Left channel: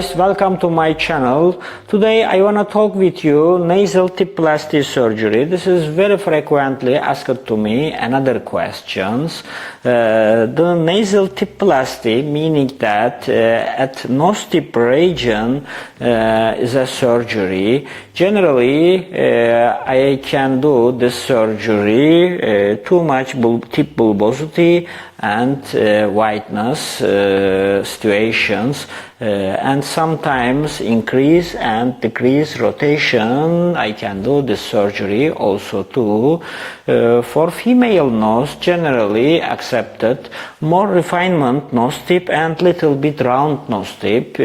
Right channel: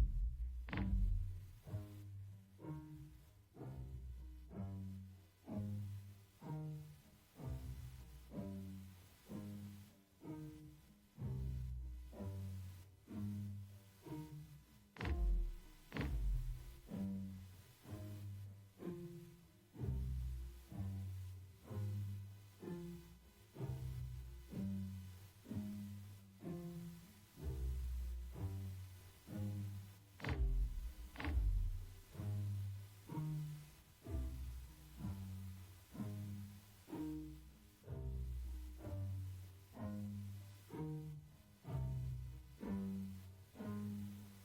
Welcome to my channel. Today I want to talk with you nasal tip plasty surgery. This is very frequently asked to me. Another questions. The nasal tip plasty, meaning that at nose tip region is a surgery. Generally, I can do this surgery too much tip bulbosity and whiteness situations, and sometimes increase and decrease rotation. I can do this surgery also too. For female nose, generally accepted more refinement nose tip and little bit round nose tip.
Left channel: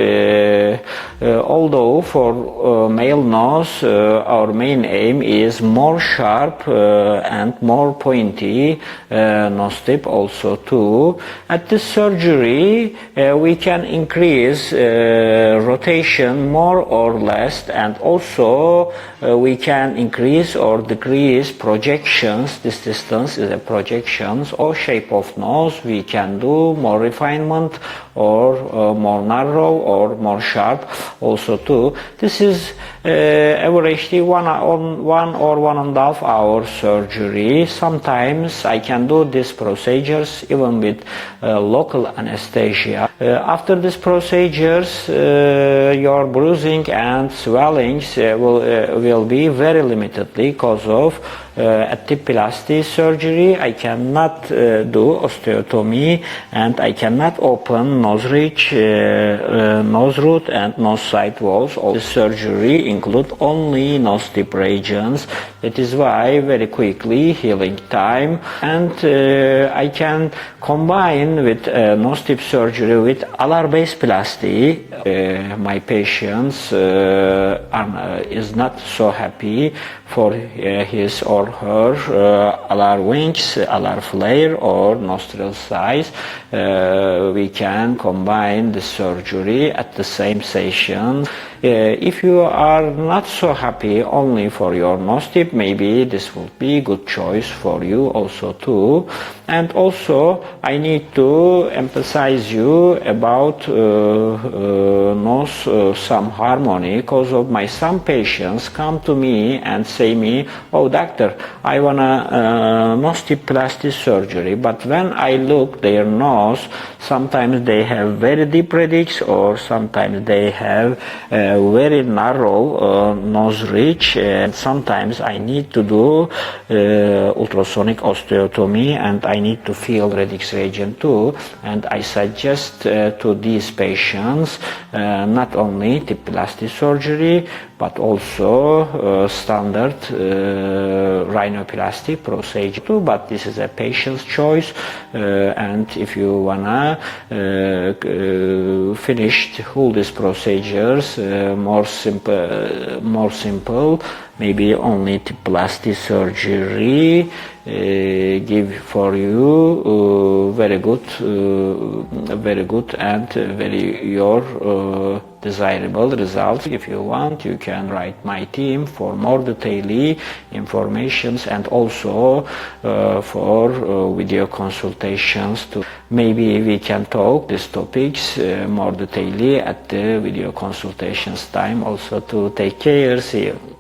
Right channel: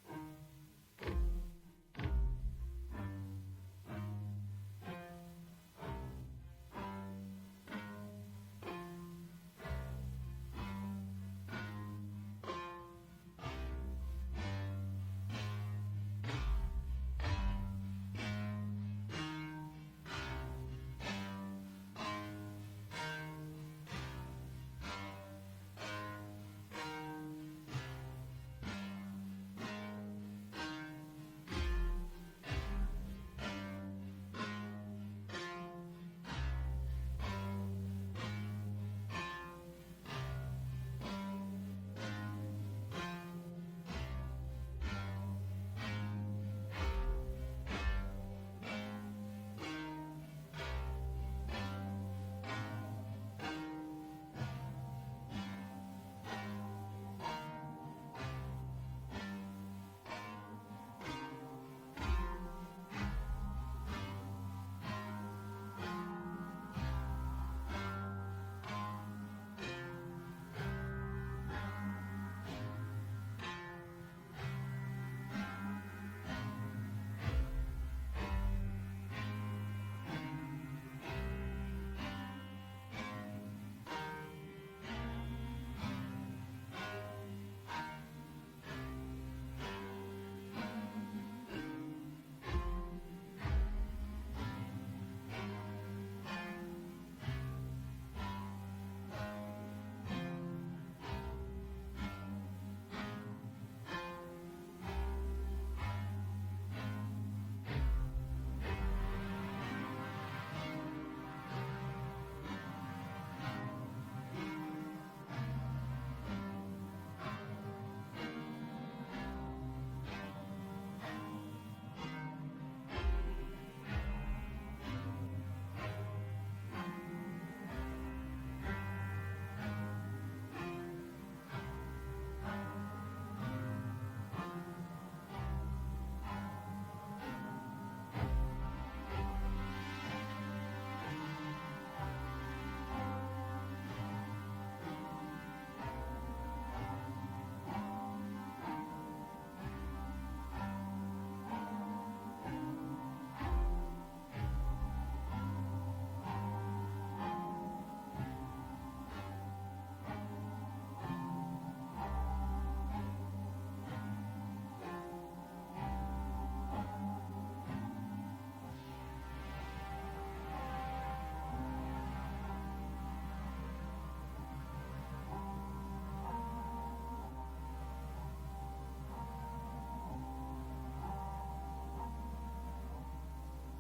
Although for male nose, our main aim is more sharp and more pointy nose tip also too. At this surgery, we can increase rotation more or less, and also we can increase or decrease projections. This distance is a projections or shape of nose. We can do more refinement or more narrow or more sharp also too. This is averagely one or 1.5 hour surgery. Sometimes I can do these procedures even with local anesthesia. After these procedures, your bruising and swellings will be very limited because of at Tip Plasty surgery. I cannot do osteotomy, and I cannot open nose ridge, nose root and nose side walls. All this surgery include only nose tip regions. That is why very quickly healing time, and I can combine with nose tip surgery with alar based plasty. My patients is not so happy for his or her alar wings, alar flare or nostril size. We can combine the surgery at the same session. If you are not so happy only for your nose tip, maybe this will be good choice for you also too. And also I need to emphasize you about nose some harmony, because of my some patients come to me and say me, oh doctor, I wanna nose tip plastic surgery, but when I look their nose, sometimes they have very deep ridges or sometimes they have very narrow nose ridge, and sometimes I need to do ultrasonic osteotomy and I need to feel radix region too. And I suggest to these patients not only tip plasty surgery but also standard rhinoplasty procedure too, but this is a patient's choice. And if you wanna finish all these procedures more simple, maybe only tip plasty surgery give for you very good and very your desirable results. If you want, you can write my team for more detailed informations, and also for video consultations too. Maybe we can talk these topics more detailed at the video consultations time also. To take care. See you.